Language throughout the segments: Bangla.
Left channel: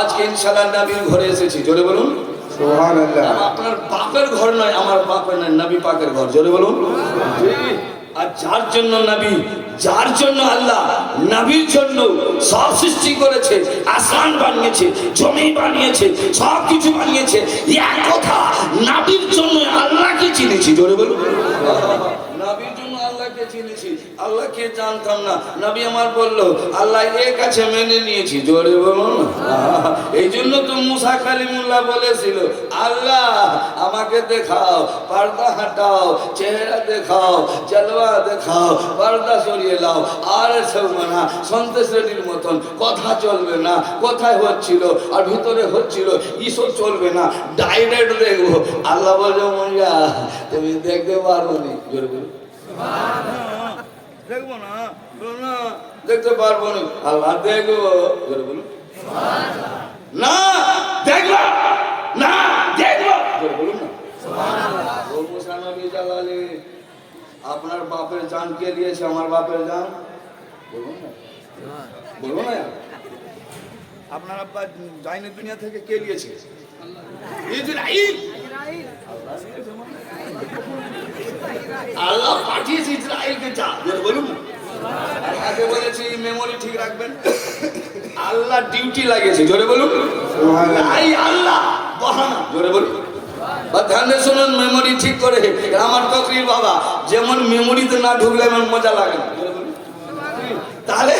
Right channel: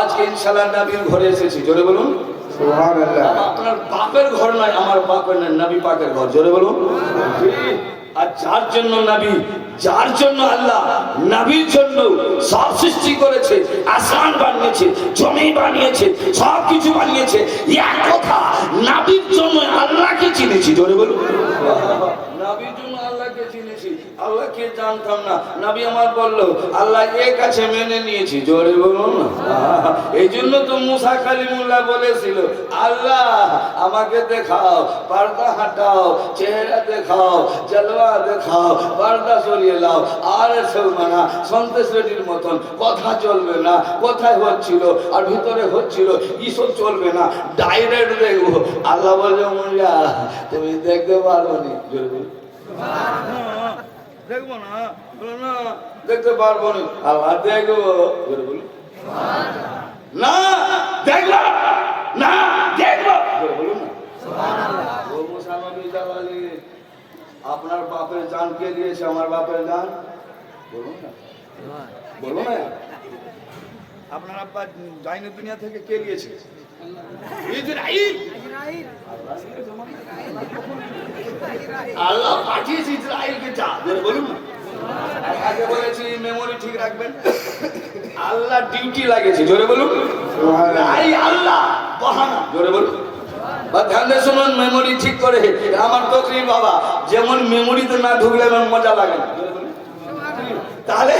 আজকে ইনশাল্লাহ নবীর ঘরে এসেছি। জোরে বলুন। আপনার বাপের ঘর নয় আমার বাপের নয় নবী পাকের ঘর। জোরে বলুন। আর যার জন্য নবী যার জন্য আল্লাহ নবীর জন্য সব সৃষ্টি করেছে, আসমান বানিয়েছে, জমি বানিয়েছে সব কিছু বানিয়েছে। এক কথা, নবীর জন্য আল্লাহকে চিনেছি, জোরে বলুন। নবীর জন্য জানতাম না। আমার আল্লাহ কাছে মেনে নিয়েছি, জোরে বলুন। এই জন্য তো মুসা আল্লাহ, আমাকে দেখাও চেহারা দেখাও দেখাও, পর্দা সরিয়ে লাও। আর সব মানা সন্তোষ রেড্ডির মতন। কথা চলবে না কোথায় হচ্ছিল আর ভিতরে হচ্ছিল ইসব চলবে না ডাইরেক্ট দেখব। আল্লাহ বলছে মজা তুমি দেখতে পারব নি। জোরে বলি। দেখব না বলো না দেখতে পারব না। আল্লাহ দেখব জোরে বলুন না দেখব না দেখব। জোরে বলুন না। ও মুসা জালালি আপনার বাপের জান কে দিয়েছে? আমার বাপের জান? বলুন না। বলব না। আপনার আব্বা যায়নি দুনিয়া থেকে কে দিয়েছে? ইসরাইল আল্লাহ পাঠিয়েছে ইসরায়েলকে যা। বলুন না। আগে বলেছি মেমোরি ঠিক রাখবেন। আল্লাহ ডিউটি লাগিয়েছে। জোরে বলুন। আল্লাহ বাহানা। জোরে বলুন। ধ্যান শুনুন মেমোরি ঠিক করে। আমার তকরির বাবা, যেমন মেমোরিতে না ঢুকলে আমার মজা লাগে তাহলে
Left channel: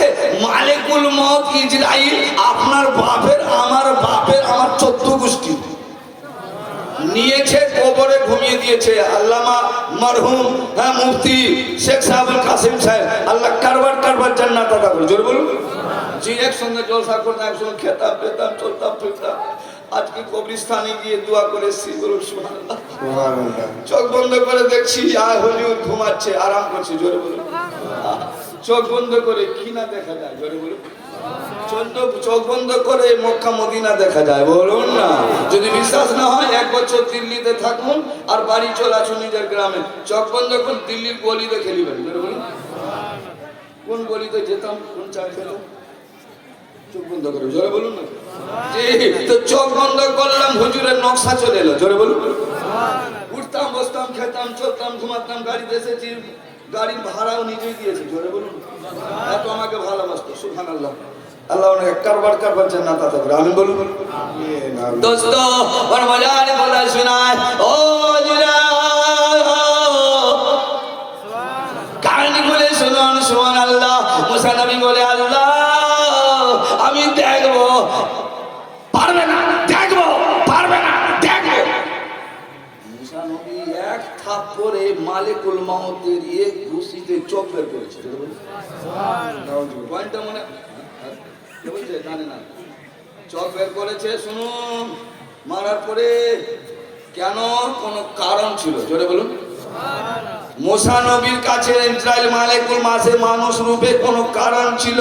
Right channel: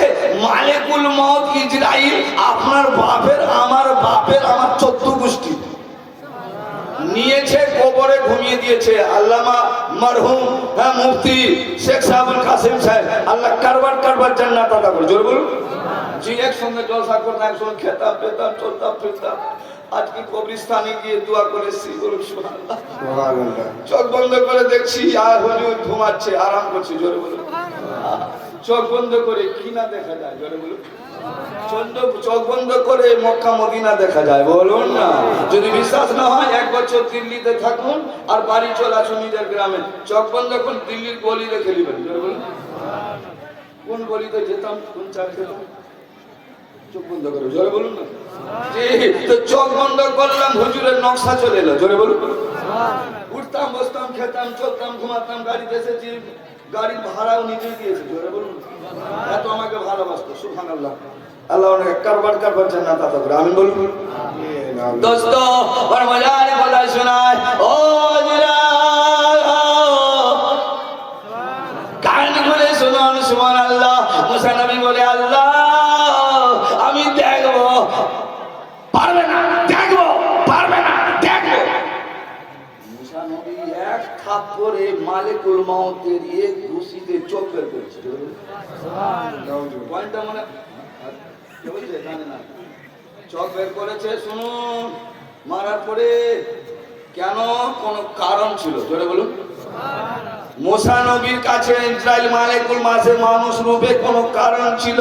মালিকুল মত ইসরাইল আপনার বাপের, আমার বাপের, আমার চোদ্দ গোষ্ঠী। নিয়েছে, কবরে ঘুমিয়ে দিয়েছে। আল্লামা মারহুম হ্যাঁ মুফতি শেখ সাহেবুল কাসিম সাহেব। আল্লাহ কারবার কারবার জান্নাত আদা করে জোরে বলুন। জি, একসঙ্গে জলসা করতাম একসঙ্গে খেতাম, পেতাম, চলতাম, ফিরতাম। আজকে কবরিস্তানে গিয়ে দোয়া করেছি বলুন চোখ বন্ধ করে দেখছি আয় হুজুর ঘুমাচ্ছে আরাম করছে জোরে বলুন। চোখ বন্ধ করে কি না দেখা যায় জোরে বলুন। চোখ বন্ধ করে মক্কা মদিনা দেখা যায় বলুন না। যদি বিশ্বাস না হয় এক বছর দিল্লিতে থাকুন আর বাড়ি চলে নিজের গ্রামে। চোখ বন্ধ করুন দিল্লির গলি দেখে নেবেন কোন গলিতে যেতাম কোন চা খেতাম চোখ বন্ধ করে, জোরে বলুন না। তো চোখ বন্ধ করলাম, হুজুরের নকশা চলে এলো, জোরে বলুন। উঠতাম, বসতাম, খেতাম, চলতাম, ঘুমাতাম, গাড়িতে এসেছি, গাড়ির ভাড়াও নিজে দিয়েছে জোরে বলুন। এত আমাকে ভালোবাসতো সুখান আল্লাহ আল্লাহ ওনাকে কারবার কারবার জান্নাত আতা করে, আমিন বলুন। দোস্ত বড় মজার বলা শোনায়, ও জিরা কাহিনী বলে শুনুন সুমান আল্লাহ মুসা নবী বলে, আল্লাহ আমি দেখব। পারবে না, দেখব, পারবে না, দেখব। মুসা নবী এক থাপ করে মালিকুল মাউতের এক ঘুষিতে চোখ বের করেছে। পয়েন্টটা মনে জানি না। চোখ বের করেছে, শুনুন। মারার পরে কেন কোনো কারণ ছিল? জোরে বলুন। মোসা নবীর কাছে ইসরায়েল মালেকুল মাসে মানুষ রূপে কোনো কারণ ছিল?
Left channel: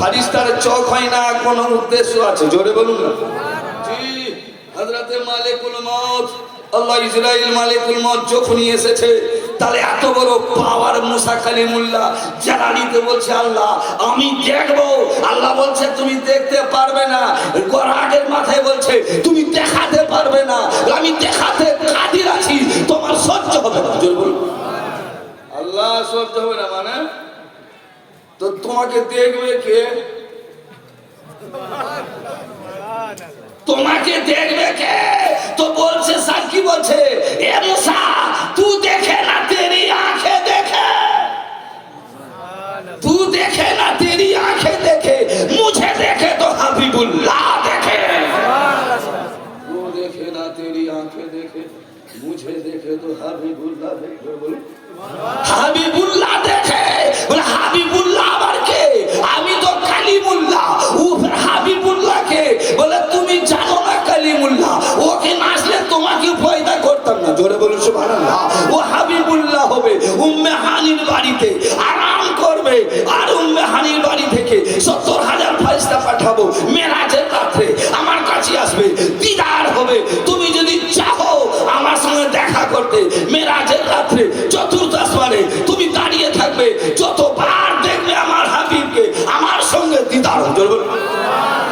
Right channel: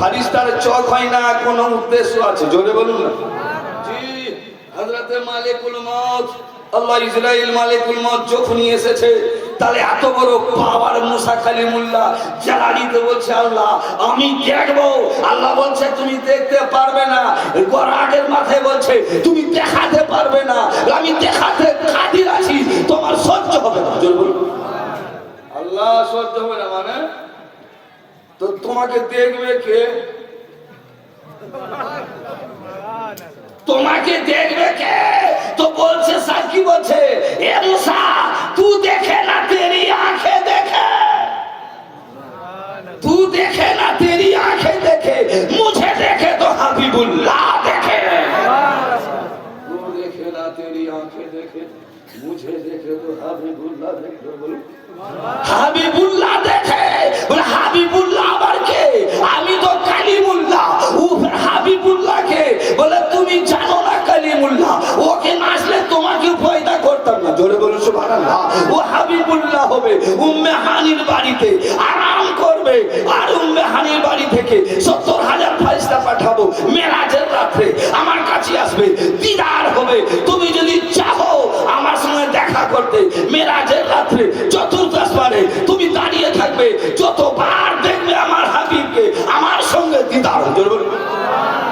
ফারিস্তার চোখ হয় না কোনো উদ্দেশ্য আছে? জোরে বলুন। না জি হযরতে মালিকুল মউত আল্লাহ ইসরাইল মালিকুল মউত যখনই এসেছে তাহলে এত বড় পাওয়ার মুসা কালিমুল্লাহ জালালিতে বলছে আল্লাহ আমি দেখব। আল্লাহ বলছে তুমি দেখতে পারবে না। আগের মাথায় বলছে তুমি দেখাতে পারবে না। আমি দেখাতে কাদির আছি তোমার সহ্য হবে না। বলুন। আল্লাহ সহ্য হবে না মানে? তো তোমাকে দেখবে কে? তোমাকে দেখবে কে? তো বলছে সাক্ষী বলছে? এ মুসা দেখে না তেরি আঁখে দেখে। তু দেখে না তেরি আঁখে দেখে। মুঝে দেখে তো হাবিবুল্লাহ দেখে। তু দেখে না তেরি আঁখে দেখে। মুঝে দেখে তো হাবিবুল্লাহ দেখে বলুন। হাবিবুল্লাহ পয়দা করতাম না। জোরে বলুন, সুবহানাল্লাহ। ও হাবিবুল্লাহ হবে, উম্মে হানির বাড়িতে আরাম করবে। আর উম্মে হানির বাড়ি থেকে সত্তর হাজার পাঠাবো মেরাজের রাত্রে। আমার কাছে আসবে, দিদার হবে। তুমি যদি চাও আমার সঙ্গে দেখা করতে, মেরাজের রাত্রে চতুর্থ আসমানে তুমি দাঁড়িয়ে থাকবে, যতবার দেখবে আমার হাবিবকে, আমার সঙ্গে দিদার হবে। জোরে বলুন।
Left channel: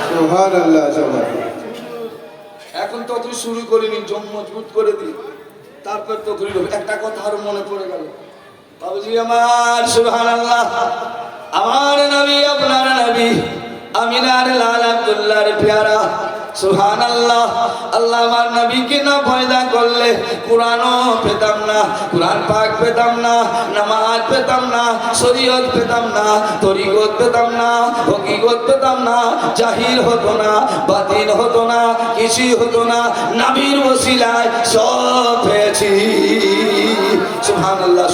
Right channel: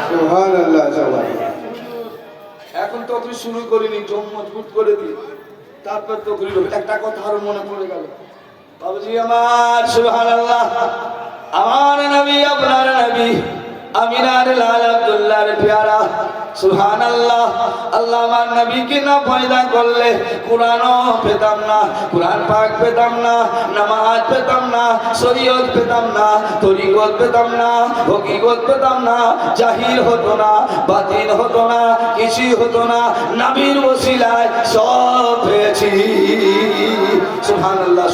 সুহান আল্লাহ তখন শুরু করিনি, জম মজবুত করে দিই। তারপর তো করি একটা কথা আরও মনে পড়ে গেল। বাবুজি আমার সুহান আল্লাহ আমার নবী, আপনার নবী, আমিনার লাল আব্দুল্লাহর পেয়ারা। সুহান আল্লাহ আল্লাহ করলে পেতাম না পাক পেতাম না, নামাজ পেতাম না পেতাম না তরিগত পেতাম না হকিগত পেতাম না, জাহির হতো না, বাতিল হতো না, কিছুই হতো না, নাবির ওসিলায় সব পেয়েছি। সুবহানাল্লাহ